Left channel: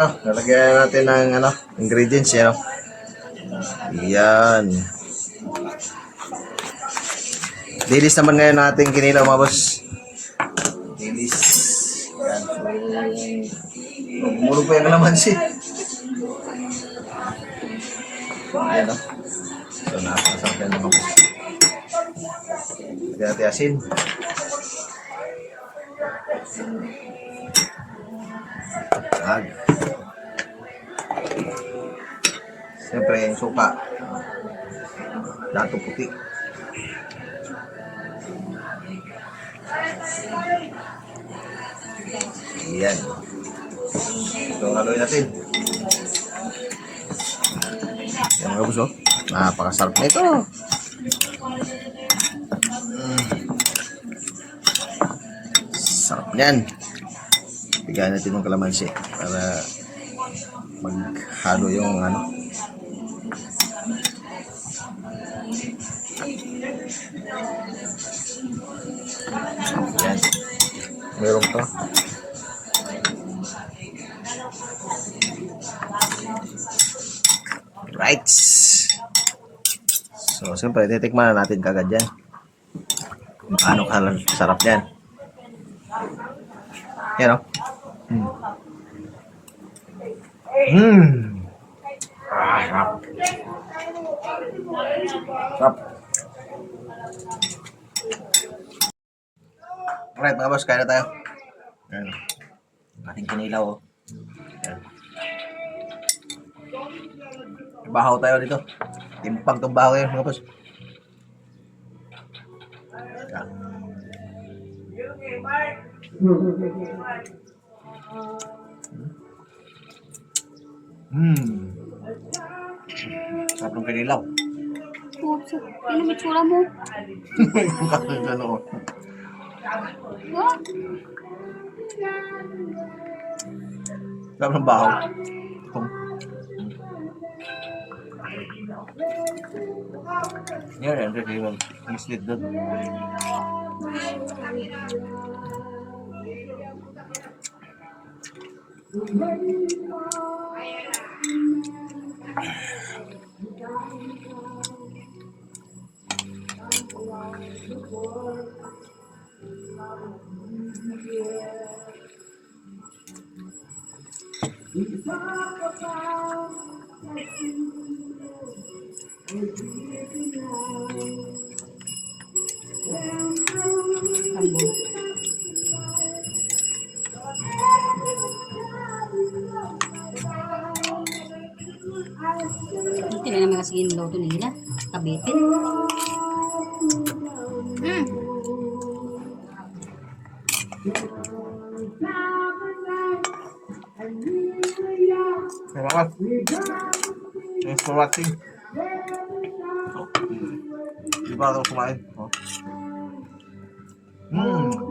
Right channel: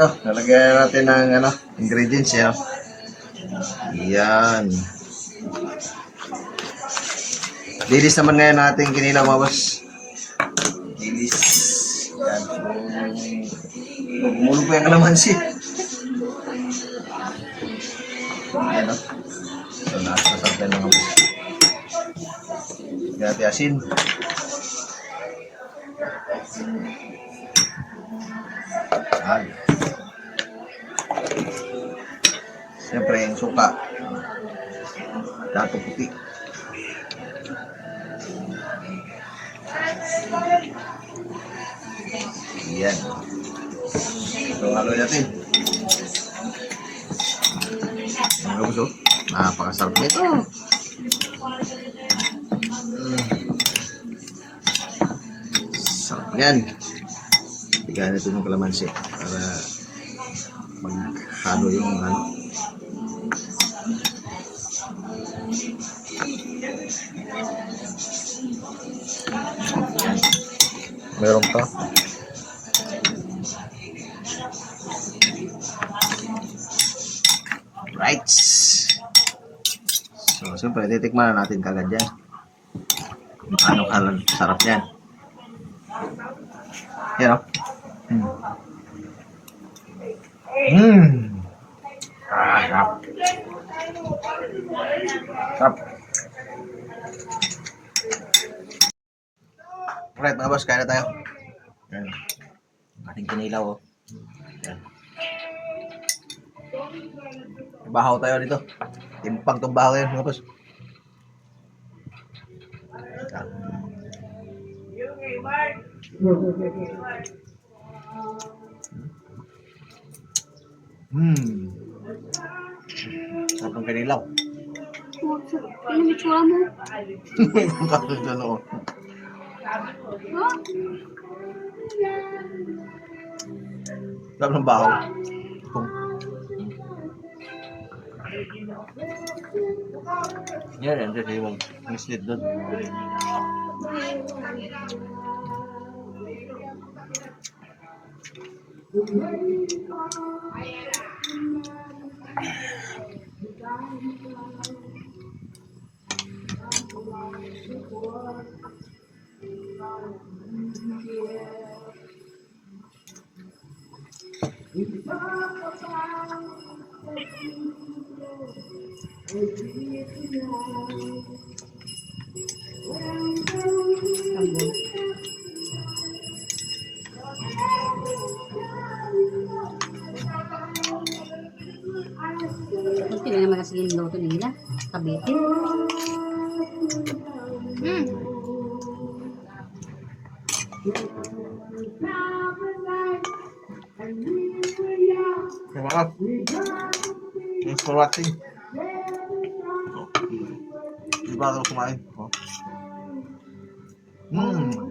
Oh, lalagyan natin ng ano, ingredients yan. oh. Yan. Dilis naman ngayon ng ating kinilaw mga boss. Dilis. Yan. So, gumulong po yung kalamansi. Yan o. So, yan mga boss. Lagyan natin asin. Yan. Siyempre, yung suka. Dato puti. Yan. So, haluin natin. Yan, gusto. Napakasarap nito. Mm. Sarap yan. Bigyan natin ng kalamansi para maghalo yung ano. Yan. Meron pa. Right. So, siyempre, titikman na natin kagad yan. Paano kalang sarap yan. Yan o. Hmm. Hmm. Ah, sarap. Sarap. Alright, mga boss, kain na tayo. Yan. Ang Ating kinilaw, oh. Yan. May Bahaw tayo dito. Timpang tong bahaw ngayon, mga boss. Yan. Hmm. Sarap ng kinilaw. Puso, ano may tsura mo? Yung kasi gano'n. Ah, Sarap ng bahaw. Kung... Yan, yan. Kasi mag-mislead doon. Tambo. Ito na naman kasi yung loto nila. Kabitin. Hmm. Salamat. Thanks for watching. Oh. Di ba ako kumain? Oh. Hmm.